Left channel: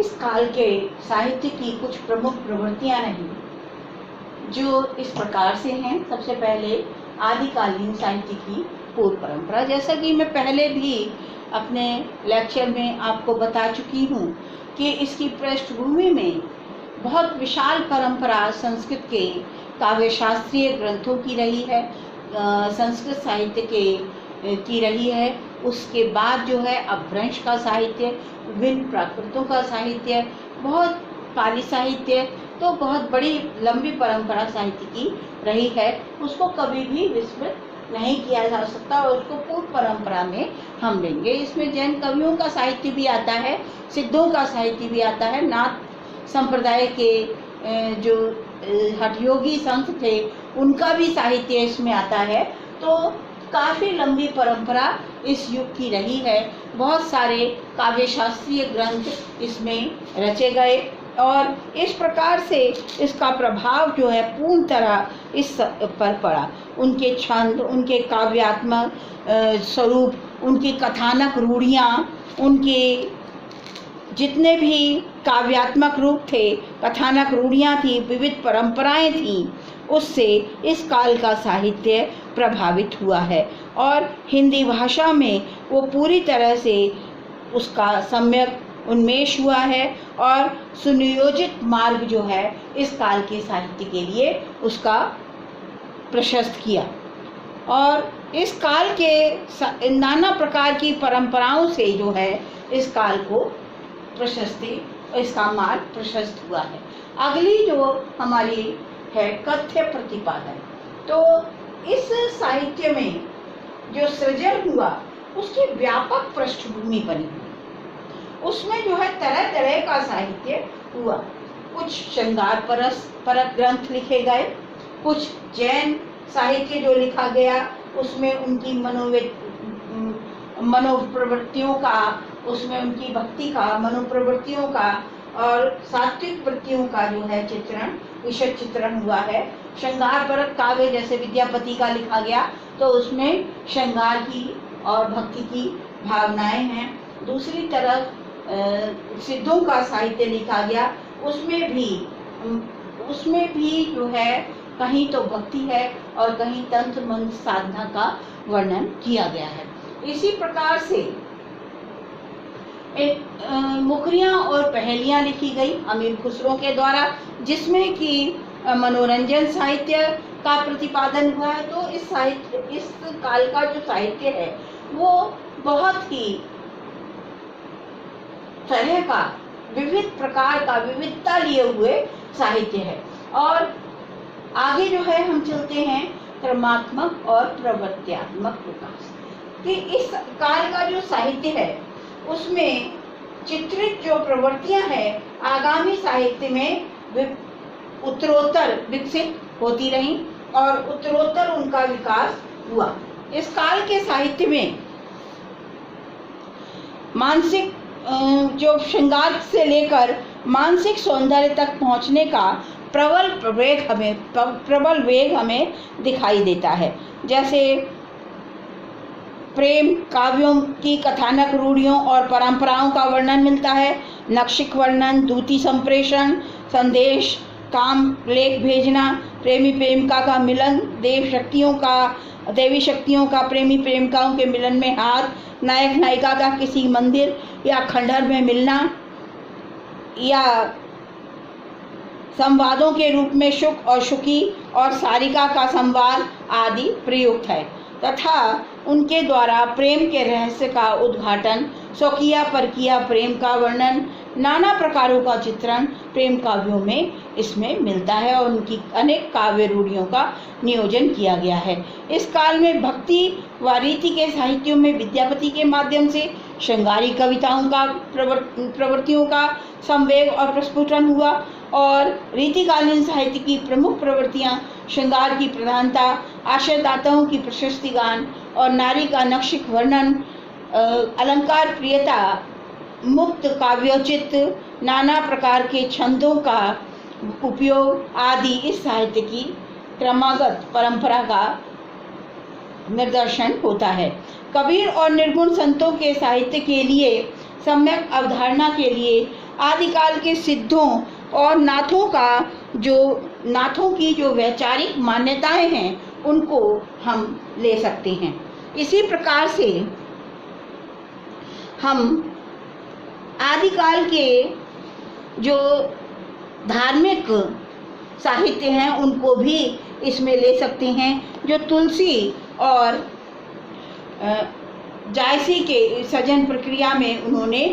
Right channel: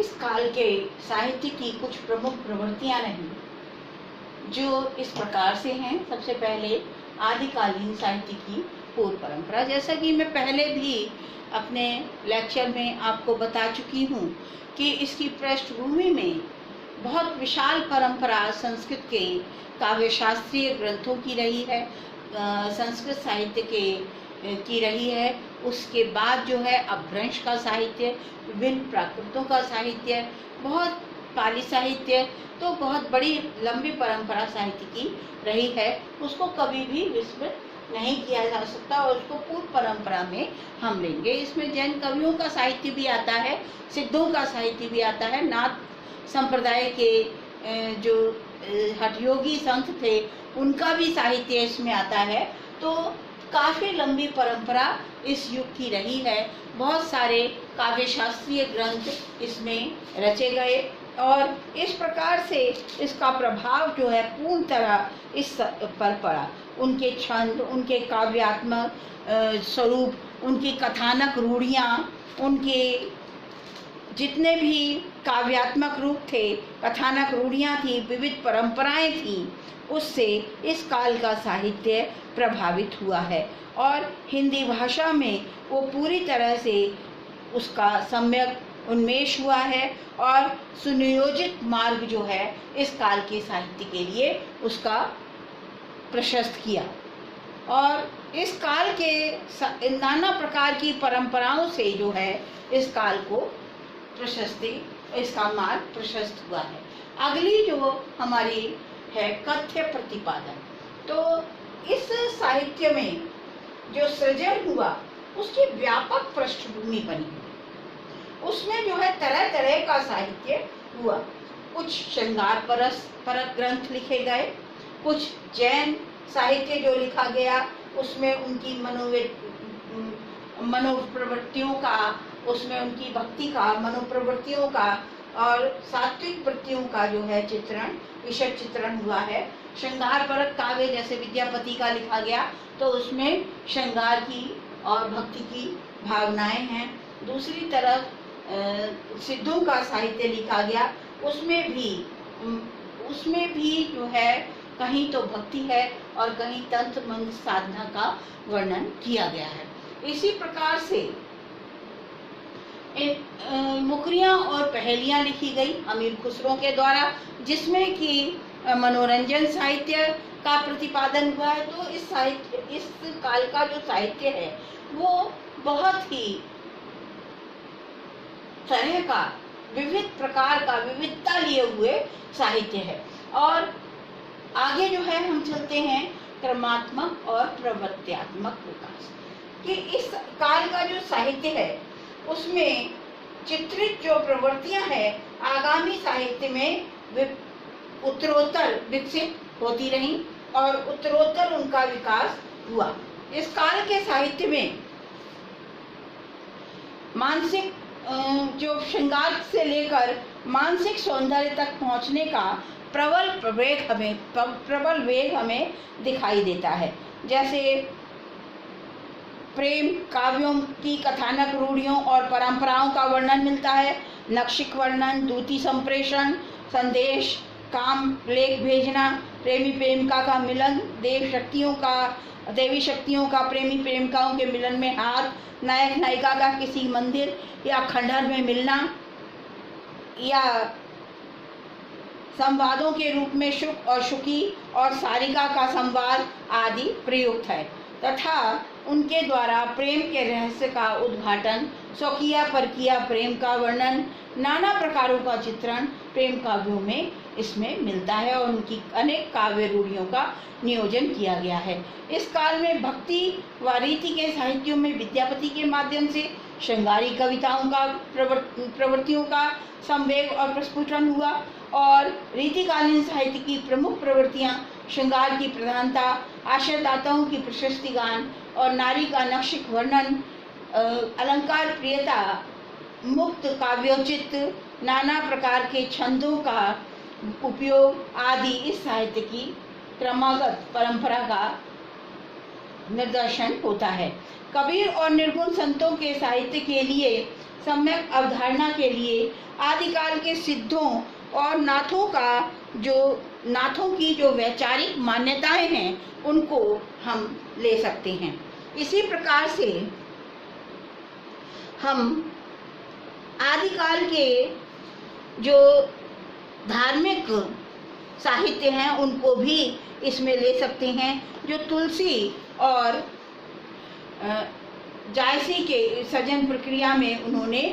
इस काल के साहित्य की कुछ प्रमुख प्रवृत्तियां रही जो इस प्रकार से हैं। सबसे पहले आदिकालीन साहित्य की पूर्व परंपरा। जैसा कि मैं पहले भी अपने लेक्चर में आपको बता चुकी हूँ कि इसकी पृष्ठभूमि में बहुत विशाल परंपरा संस्कृत के काव्य शास्त्रीय ग्रंथों की रही है, संस्कृत साहित्य की रही है। उसके बाद जो है अपभ्रंश का साहित्य, विभिन्न प्राकृतों का साहित्य, बहुत पाली साहित्य, तो बहुत बड़ी लंबी परंपरा साहित्य की रही है। उसको कभी भी विस्मृत नहीं किया जा सकता और उसको पूर्व परंपरा में हम लेंगे। इसमें जैन कवियों का साहित्य भी आता है, सिद्धों का साहित्य भी आता है, नाथ संप्रदाय के जो हठयोगी संत थे उनका भी साहित्य इसमें आता है। तो काफ़ी लंबी परंपरा इस युग की रही है। बहुत सारे काव्य शास्त्रीय ग्रंथ इसमें रचे गए और इस प्रकार से इसका प्रभाव जो है पूर्ण तरह इस पर पड़ा। उनके छंद, उनके काव्यात्मक स्वरूप, उनकी कथानक रूढ़ियाँ, उनके जितने भी काव्यात्मक रूप थे, कथानक रूढ़ियाँ थी, विविध परंपराएं थीं, उससे इस काल का साहित्य प्रभावित हुआ है और हिंदी भाषा में वो पूरी तरह से उसका सम्यक उन्मेष हुआ है और सुनियोजित मार्ग जो है इस काल के साहित्य के लिए उसका प्रशस्त किया। और इस काल के नाना प्रकार की परंपराओं से जो है इस काल को प्रशस्ति, इसका मार्ग प्रशस्त हुआ है। अगली जो हमारी है कथ्य प्रतिपादन। तो इस साहित्य में जो सृजन हुआ उसकी व्यापक पृष्ठभूमि बनी हुई। उसमें जो है तरह तरह का साहित्य हुआ। कुछ श्रृंगार परक ग्रंथ लिखे गए, कुछ जैन साहित्य जो लिखा गया उसमें उनकी मनोप्रवृत्तियों का, उसमें उनकी भक्ति का, मनोप्रवृत्तियों का और सात्विक वृत्तियों का जो है चित्रण, विषय चित्रण हुआ है। श्रृंगार परक काव्य जैसे विद्यापति का लिखा गया तो उसमें श्रृंगार की और भक्ति की भावनाएं हैं। दूसरी तरफ सिद्धों का साहित्य लिखा गया, उसमें भी जो है कहीं तो भक्ति है और कहीं तंत्र मंत्र साधना का वर्णन किया गया है। इसी प्रकार से मुकरियाँ और पहेलियाँ लिखी गई अमीर खुसरो के द्वारा, जिसमें कि मनोरंजन साहित्य का प्रतिपादन हुआ है। तो इस काल का जो साहित्य है वो बहुत ही तरह का, विविध प्रकार का, विविधता लिए हुए साहित्य है। और आगे जो है हम चलते हैं क्रमात्मक और प्रवृत्त्यात्मक विकास कि इस काल का जो साहित्य है उसमें चित्रित जो प्रवृत्तियां हैं आगामी साहित्य में उत्तरोत्तर विकसित होती रहीं और उत्तरोत्तर उनका विकास हुआ। इस काल के साहित्य में मानसिक जो श्रृंगार से लेकर मानसिक सौंदर्य तक पहुंचने का प्रबल वेग हमें दिखाई देता है। जैसे प्रेम काव्यों की कथानक रूढ़ियों और परंपराओं का वर्णन मिलता है। नक्षिक वर्णन, दूती संप्रेषण, संदेश, काम लेख भेजना, प्रेमी प्रेमिका का मिलन, देवी शक्तियों का प्रेमी प्रेमिकाओं के मिलन में हाथ, नायक नायिका का किसी मंदिर या खंडहर में मिलना, या संवादों के रूप में शुक और शुकी और सारिका का संवाद आदि प्रयुक्त है तथा उनके द्वारा प्रेम के रहस्य का उद्घाटन, स्वकीय परकीय प्रेम का वर्णन, नाना प्रकारों का चित्रण प्रेम काव्यों में इसमें मिलता है और उनकी अनेक काव्य रूढ़ियों का नियोजन किया गया है। इस काल में भक्ति व रीति के साहित्यों में विद्यापति के माध्यम से श्रृंगारी कविताओं का प्रवृत्तियों का संवेग और प्रस्फुटन हुआ और रीतिकालीन साहित्य की प्रमुख प्रवृत्तियां श्रृंगार की प्रधानता, आशयदाताओं की प्रशस्ति गान और नारी का नक्षिक वर्णन, अलंकार प्रियता, मुक्त काव्योचित, नाना प्रकार के छंदों का उपयोग आदि इस साहित्य की क्रमागत परंपरा का निदर्शन होता है। कबीर और निर्गुण संतों के साहित्य के लिए सम्यक अवधारणा के लिए आदिकाल के सिद्धों और नाथों की जो वैचारिक मान्यताएं हैं उनको हम ले सकते हैं। इसी प्रकार से हम आदिकाल के जो धार्मिक साहित्य हैं उनको भी इसमें ले सकते हैं, जो तुलसी और जायसी के सृजन प्रक्रिया में उन्होंने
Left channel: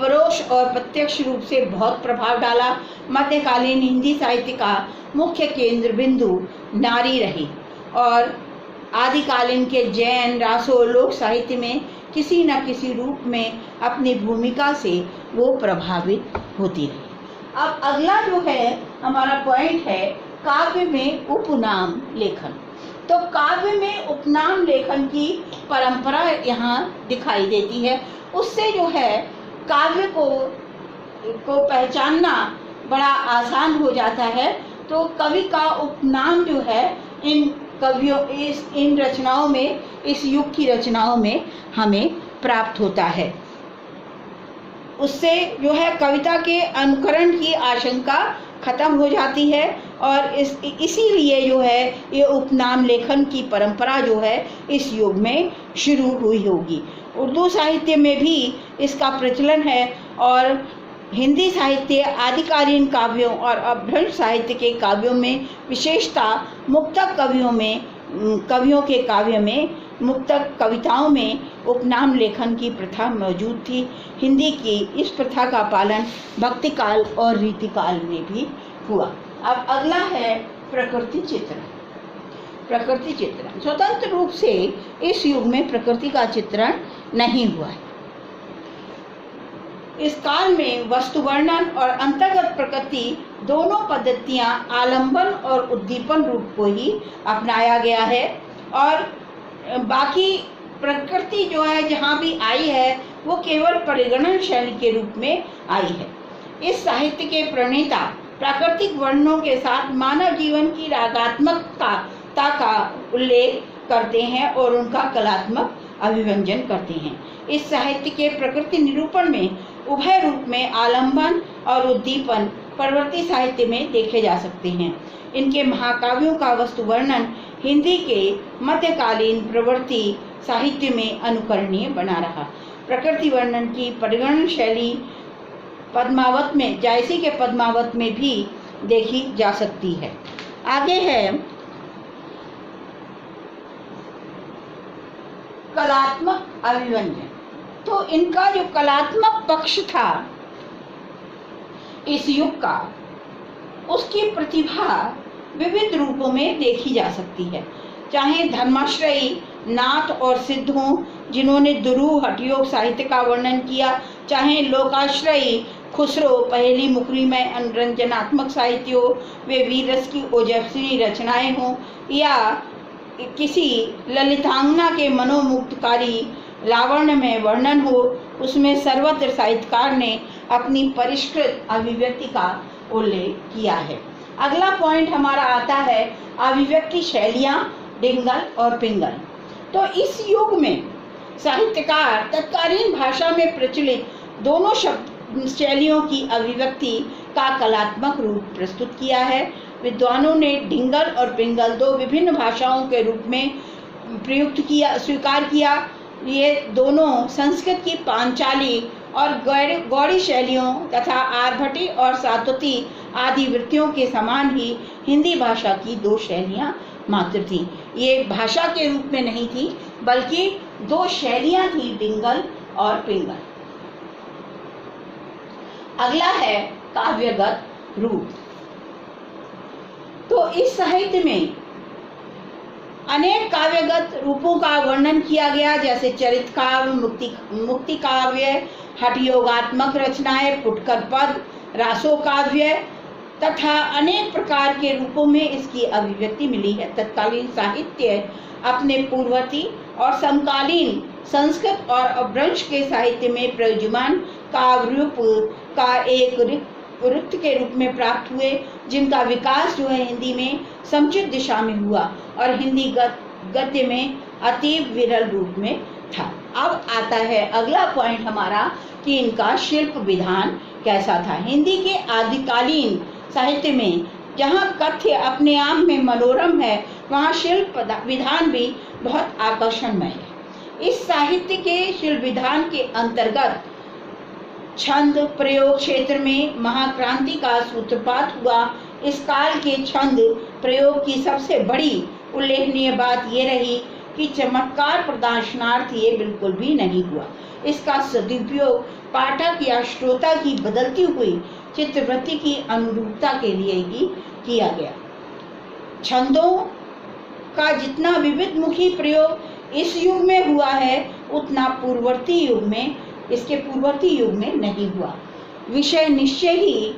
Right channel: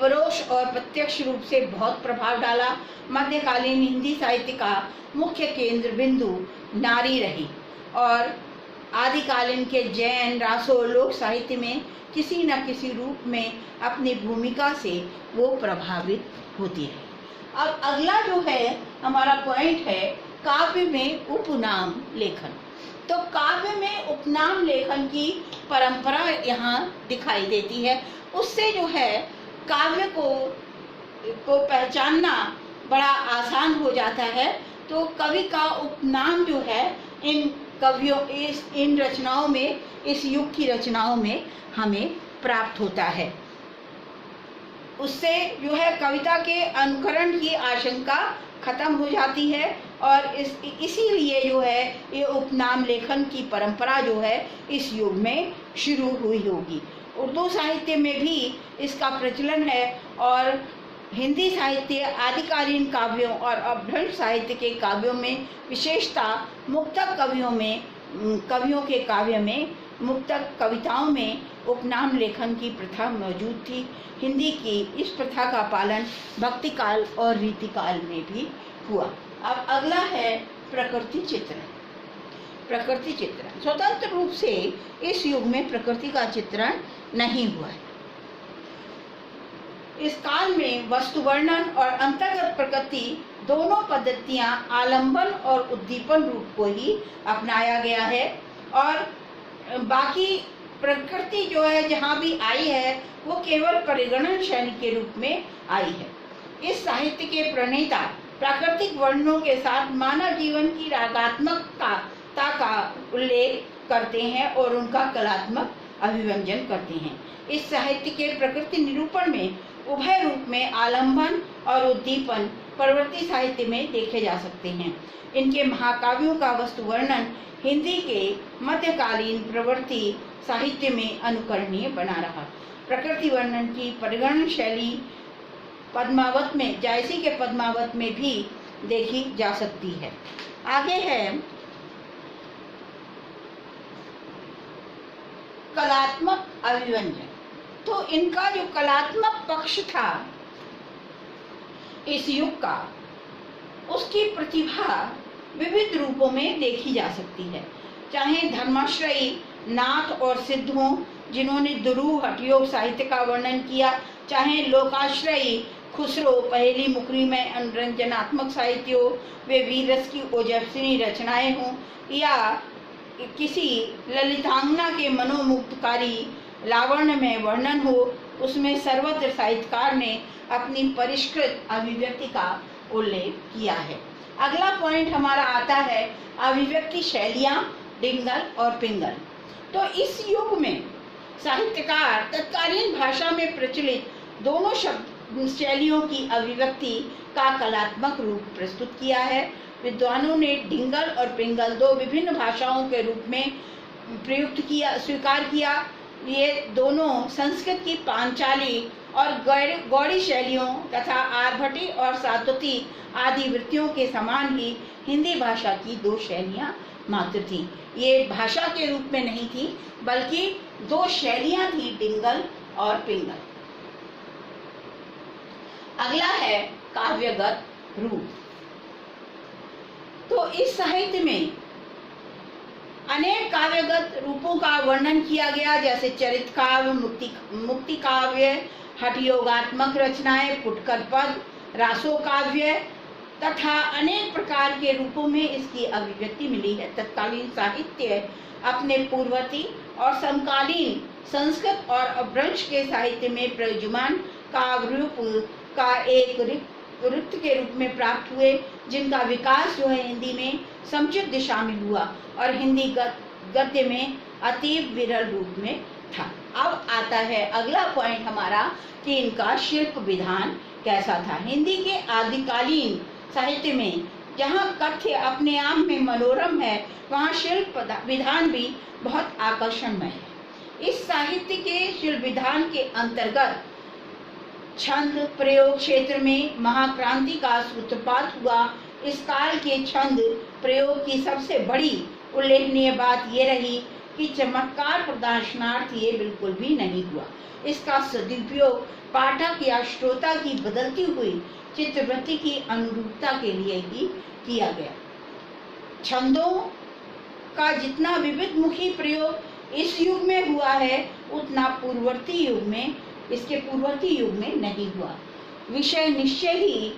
परोक्ष और प्रत्यक्ष रूप से बहुत प्रभाव डाला। मध्यकालीन हिंदी साहित्य का मुख्य केंद्र बिंदु नारी रही और आदिकालीन के जैन रासो लोक साहित्य में किसी न किसी रूप में अपनी भूमिका से वो प्रभावित होती रही। अब अगला जो है हमारा पॉइंट है काव्य में उपनाम लेखन। तो काव्य में उपनाम लेखन की परंपरा यहाँ दिखाई देती है। उससे जो है काव्य को पहचानना बड़ा आसान हो जाता है। तो कवि का उपनाम जो है इन रचनाओं में, इस युग की रचनाओं में हमें प्राप्त होता है। उससे जो है कविता के अनुकरण की आशंका खत्म हो जाती है और इसीलिए जो है ये उपनाम लेखन की परंपरा जो है इस युग में शुरू हुई होगी। उर्दू साहित्य में भी इसका प्रचलन है और हिंदी साहित्य आदिकालीन काव्यों और अपभ्रंश साहित्य के काव्यों में विशेषता मुक्तक कवियों के काव्य में मुक्तक कविताओं में उपनाम लेखन की प्रथा मौजूद थी। हिंदी की इस प्रथा का पालन भक्ति काल और रीति काल में भी हुआ। अब अगला है प्रकृति चित्रण। प्रकृति चित्रण स्वतंत्र रूप से इस युग में प्रकृति का चित्रण नहीं हुआ है। इस काल में वस्तु वर्णन और अंतर्गत प्रकृति दोनों पद्धतियां आलंबन और उद्दीपन रूप को ही अपनाया गया है और बाकी प्रकृति जो है जहाँ भी आई है वो केवल परिगणन शैली के रूप में आई है। इस साहित्य के प्रणेता प्राकृतिक वर्णनों के साथ मानव जीवन की रागात्मकता का उल्लेख करते हैं और उनका कलात्मक अभिव्यंजन करते हैं। इस साहित्य के प्रकृति निरूपण में उभय रूप में आलंबन और उद्दीपन प्रवृत्ति साहित्य में देखे जा सकते हैं। इनके महाकाव्यों का वस्तु वर्णन हिंदी के मध्यकालीन प्रवृत्ति साहित्य में अनुकरणीय बना रहा। प्रकृति वर्णन की परिगणन शैली पद्मावत में, जायसी के पद्मावत में भी देखी जा सकती है। आगे है कलात्मक अभिव्यंजन। तो इनका जो कलात्मक पक्ष था इस युग का, उसकी प्रतिभा विविध रूपों में देखी जा सकती है। चाहे धर्माश्रयी नाथ और सिद्ध हों जिन्होंने दुरूह हठयोग साहित्य का वर्णन किया, चाहे लोकाश्रयी खुसरो पहेली मुकरी में अनुरंजनात्मक साहित्य हो, वे वीर रस की ओजस्वी रचनाएं हों, या किसी ललितांगना के मनोमुग्धकारी लावण्य में वर्णन हो, उसमें सर्वत्र साहित्यकार ने अपनी परिष्कृत अभिव्यक्ति का उल्लेख किया है। अगला पॉइंट हमारा आता है अभिव्यक्ति शैलियाँ डिंगल और पिंगल। तो इस युग में साहित्यकार तत्कालीन भाषा में प्रचलित दोनों शैलियों की अभिव्यक्ति का कलात्मक रूप प्रस्तुत किया है। विद्वानों ने डिंगल और पिंगल दो विभिन्न भाषाओं के रूप में स्वीकार किया। ये दोनों संस्कृत की पांचाली और गौड़ी शैलियों तथा आर्भटी और सातोती आदि वृत्तियों के समान ही हिंदी भाषा की दो शैलियाँ मात्र थी। ये भाषा के रूप में नहीं थी बल्कि दो शैलियाँ थी, डिंगल और पिंगल। अगला है काव्यगत रूप। तो इस साहित्य में अनेक काव्यगत रूपों का वर्णन किया गया, जैसे चरित काव्य, मुक्ति काव्य, हठयोगात्मक रचनाएं, फुटकर पद, रासो काव्य तथा अनेक प्रकार के रूपों में इसकी अभिव्यक्ति मिली है। तत्कालीन साहित्य अपने पूर्ववर्ती और समकालीन संस्कृत और अपभ्रंश के साहित्य में प्रयुज्यमान काव्य रूप का एक वृत्त के रूप में प्राप्त हुए, जिनका विकास जो है हिंदी में समुचित दिशा में हुआ और हिंदी गद्य में अतीव विरल रूप में था। अब आता है अगला पॉइंट हमारा कि इनका शिल्प विधान कैसा था। हिंदी के आदिकालीन साहित्य में जहाँ कथ्य अपने आप में मनोरम है, वहाँ शिल्प विधान भी बहुत आकर्षणमय है। इस साहित्य के शिल्प विधान के अंतर्गत छंद प्रयोग क्षेत्र में महाक्रांति का सूत्रपात हुआ। इस काल के छंद प्रयोग की सबसे बड़ी उल्लेखनीय बात ये रही कि चमत्कार प्रदर्शनार्थ ये बिल्कुल भी नहीं हुआ। इसका सदुपयोग पाठक या श्रोता की बदलती हुई चित्रवृत्ति की अनुरूपता के लिए ही किया गया। छंदों का जितना विविधमुखी प्रयोग इस युग में हुआ है, उतना इसके पूर्ववर्ती युग में नहीं हुआ। विषय निश्चय ही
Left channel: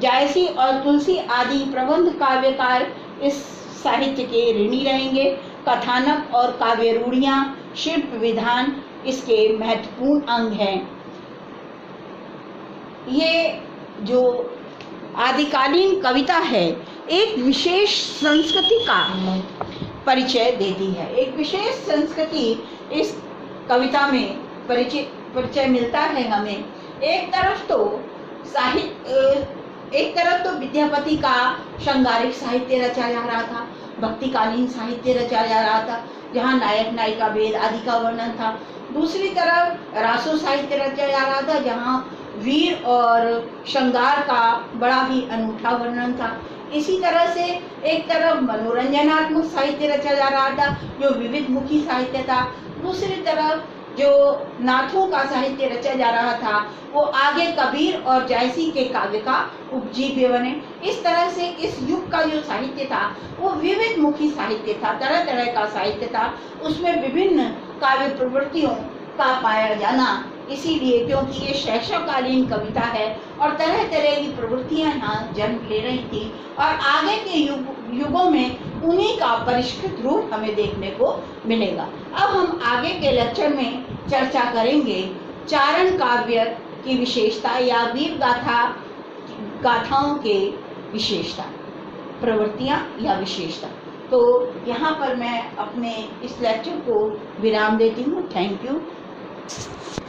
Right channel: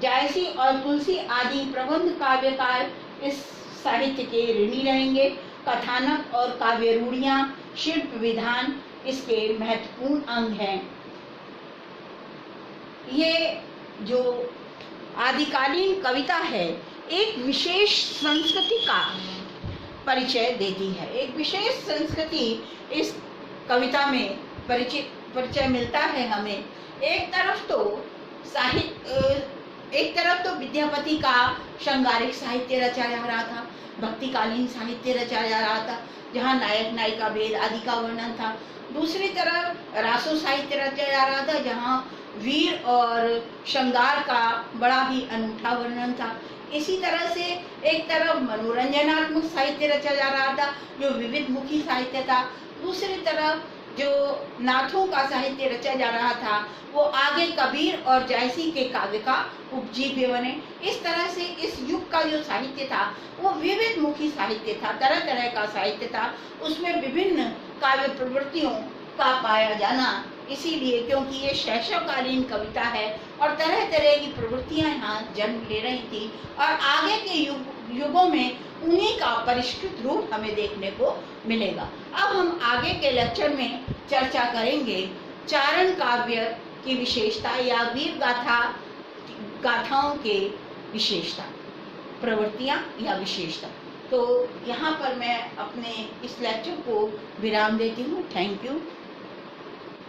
जायसी और तुलसी आदि प्रबंध काव्यकार इस साहित्य के ऋणी रहेंगे। कथानक और काव्य रूढ़ियां, शिल्प विधान इसके महत्वपूर्ण अंग हैं। ये जो आदिकालीन कविता है, एक विशेष संस्कृति का परिचय देती है। एक विशेष संस्कृति इस कविता में परिचय मिलता है हमें। एक तरफ तो विद्यापति का श्रृंगारिक साहित्य रचा जा रहा था, भक्तिकालीन साहित्य रचा जा रहा था, जहाँ नायक नायिका भेद आदि का वर्णन था। दूसरी तरफ रासो साहित्य रचा जा रहा था, जहाँ वीर और श्रृंगार का बड़ा ही अनूठा वर्णन था। इसी तरह से एक तरफ मनोरंजनात्मक साहित्य रचा जा रहा था, जो विविधमुखी साहित्य था। दूसरी तरफ जो नाथों का साहित्य रचा जा रहा था, वो आगे कबीर और जायसी के काव्य का उपजीव्य बने। इस तरह से इस युग का जो साहित्य था, वो विविधमुखी साहित्य था, तरह तरह का साहित्य था। उसमें विभिन्न काव्य प्रवृत्तियों का पाया जाना, इसीलिए क्योंकि ये शैशवकालीन कविता है और तरह तरह की प्रवृत्तियां यहाँ जन्म ले रही थी, और आगे के युगों में उन्हीं का परिष्कृत रूप हमें देखने को मिलेगा। अब हम आगे के लेक्चर में चर्चा करेंगे चारण काव्य की विशेषता या वीर गाथाओं के विशेषता, प्रवृत्तियां या विशेषता। तो यहाँ पर मैं अपने इस लेक्चर को विराम देती हूँ। Thank you.